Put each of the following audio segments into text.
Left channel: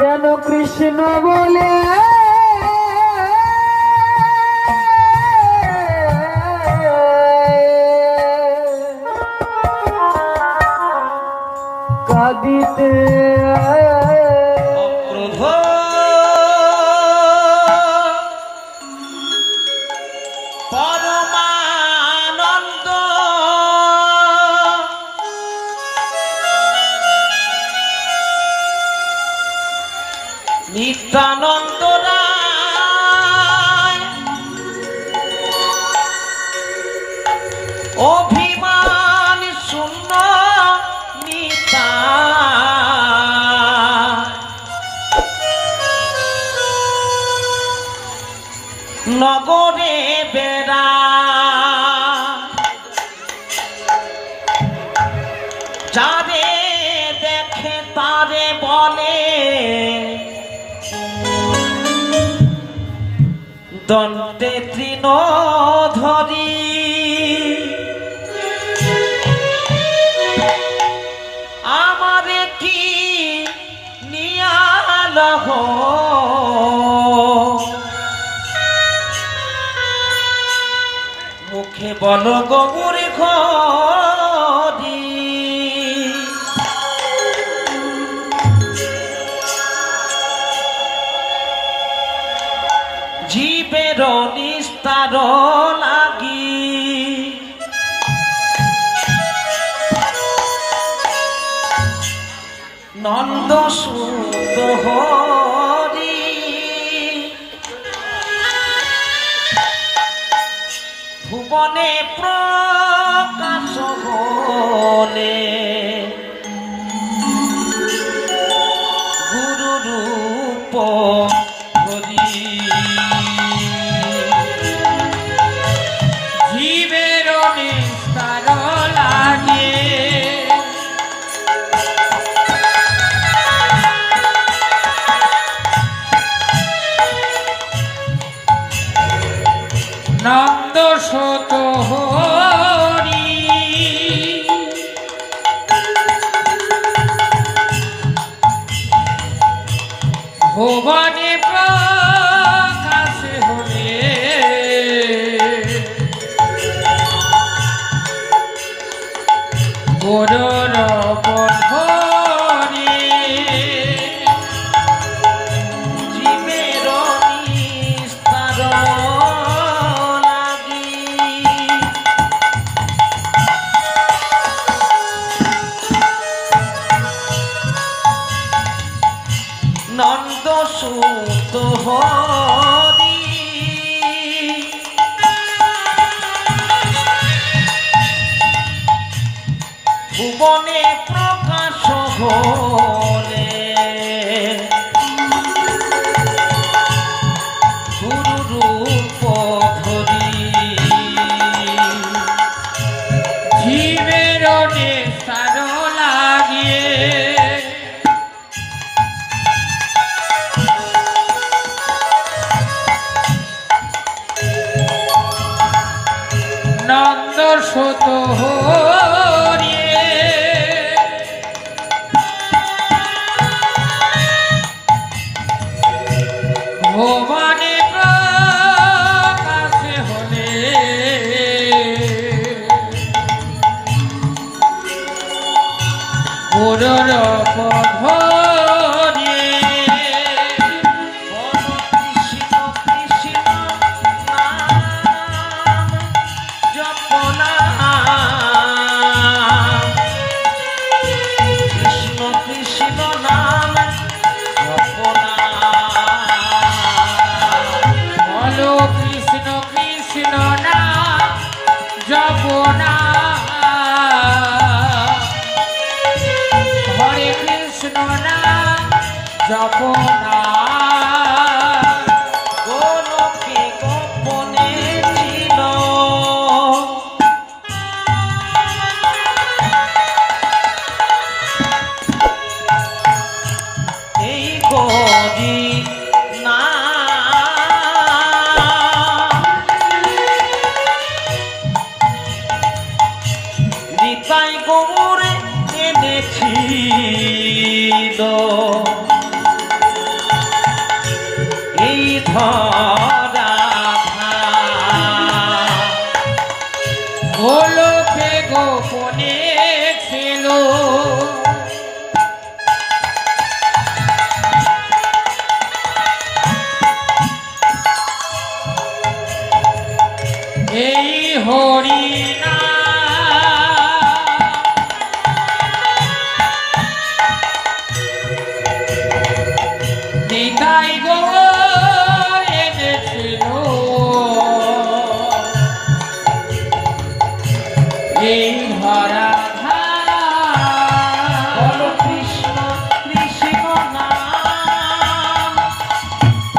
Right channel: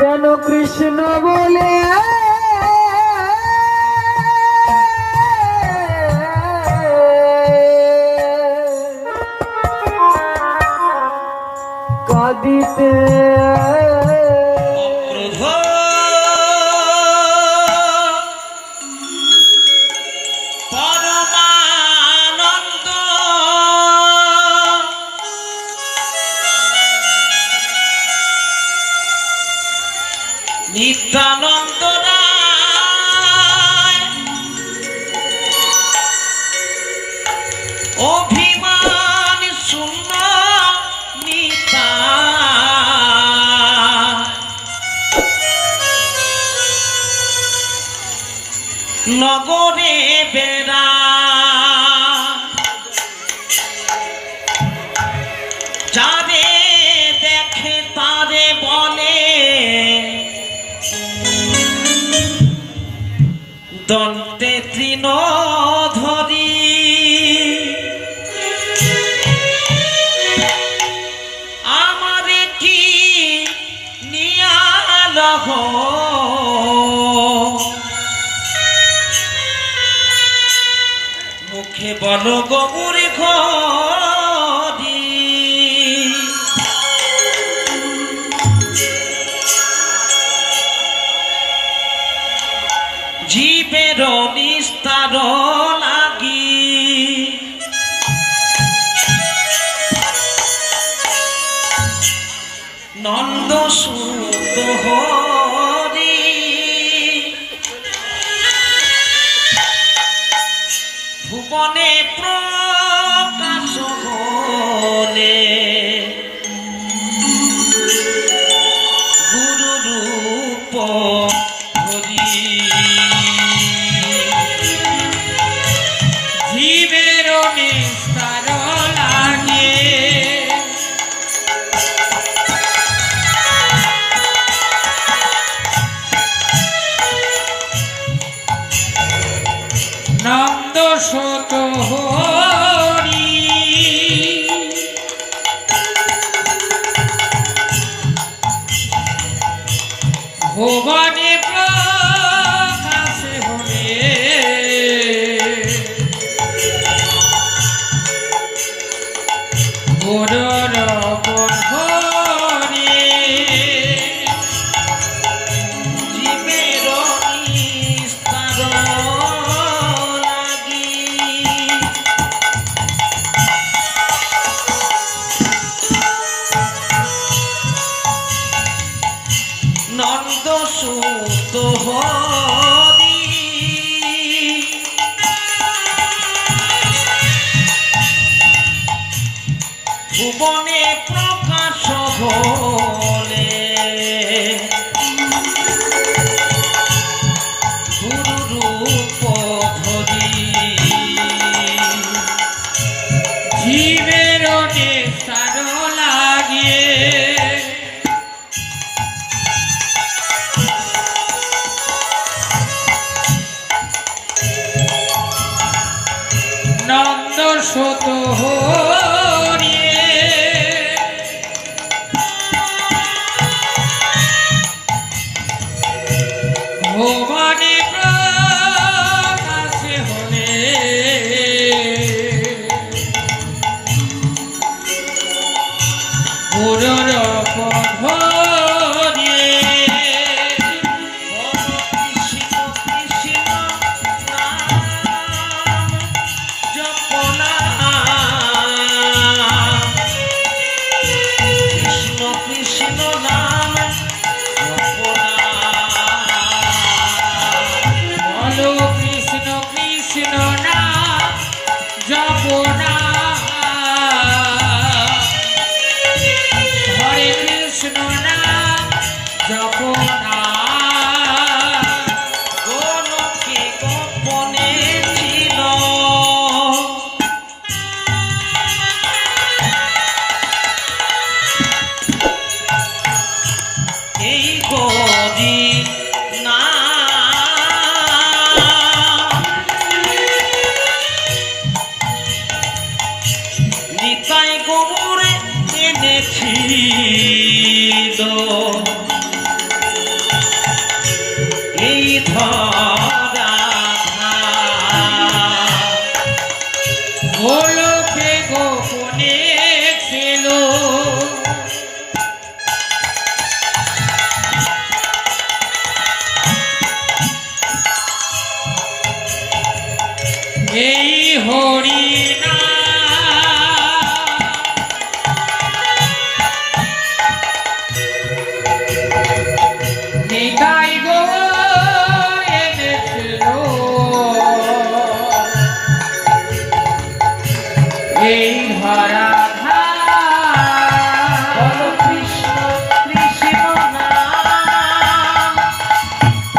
যেন কৃষ্ণ বলে কাঁদিতে নিত্যানন্দ অভিমান শূন্য নিতা নগরে বেড়া যাবে দেখে তারে বলে দন্তে তৃণ ধরি আমারে কি নিয়ালহ মুখে বল গৌর ঘরি জীবের নিস্তার লাগি নন্দ সুত হরি ভুবনে প্রকাশ বলে গুরু রূপ নন্দ সত হরি ভুবনে প্রকাশ হলে গুরুর বন্ধনে জীবের নিস্তার নন্দ সুত হরি ভুবনে প্রকাশ হলে গুরু রূপ ধরি জীবের নিস্তার লাগিয়ে নন্দ সত হরি ভুবনে প্রকাশ হলে গুরুর বন্ধনে জপনা গোলকে গোপনে ছিল এই গরি না নিতাই গৌরে এনেছিল ধরা গোলকে গোপনে ছিল এই হরিনা নিতাই গো এনেছিল এই ধরা বল কৃষ্ণ কৃষ্ণ নাম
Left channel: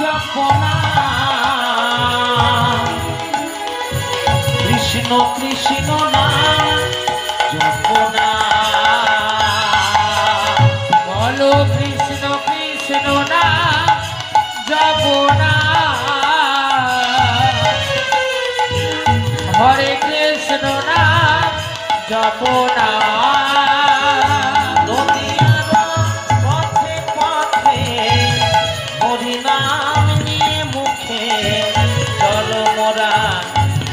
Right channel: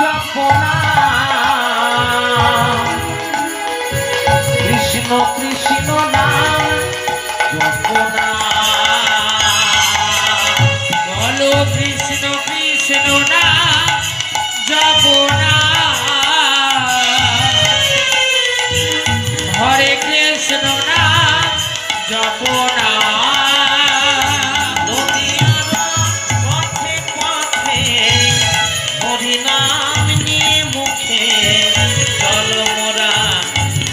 জপনা কৃষ্ণ কৃষ্ণ নাম জপনা বল কৃষ্ণ কৃষ্ণ নাম জপনা হরে কৃষ্ণ নাম জপনা পথে পথে হরিনাম নিয়ে মুখে চল মোরা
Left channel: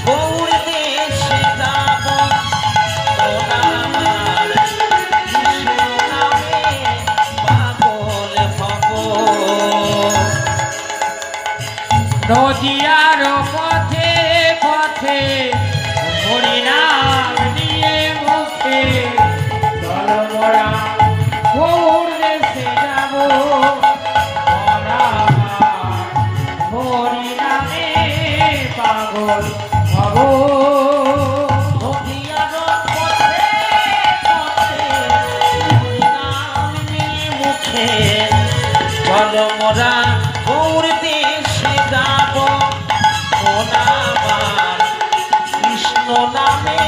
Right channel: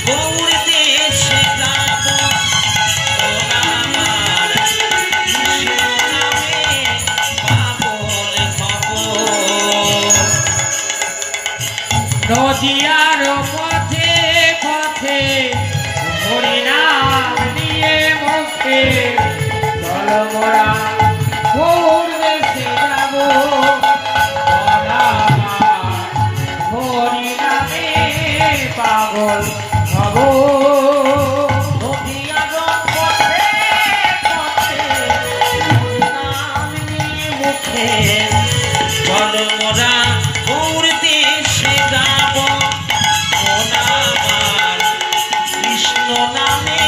গৌর দেশে যাব তোরা আমার কৃষ্ণ নামে পাগল হব নদিয়ার পথে পথে হরিনাম নিয়ে মুখে চল মোরা গৌর দেশে যাব হরিনামে পাগল হব নদিয়ার পথে পথে হরিনাম নিয়ে মুখে চল মোরা গৌর দেশে যাব ওরা আমার কৃষ্ণ নামে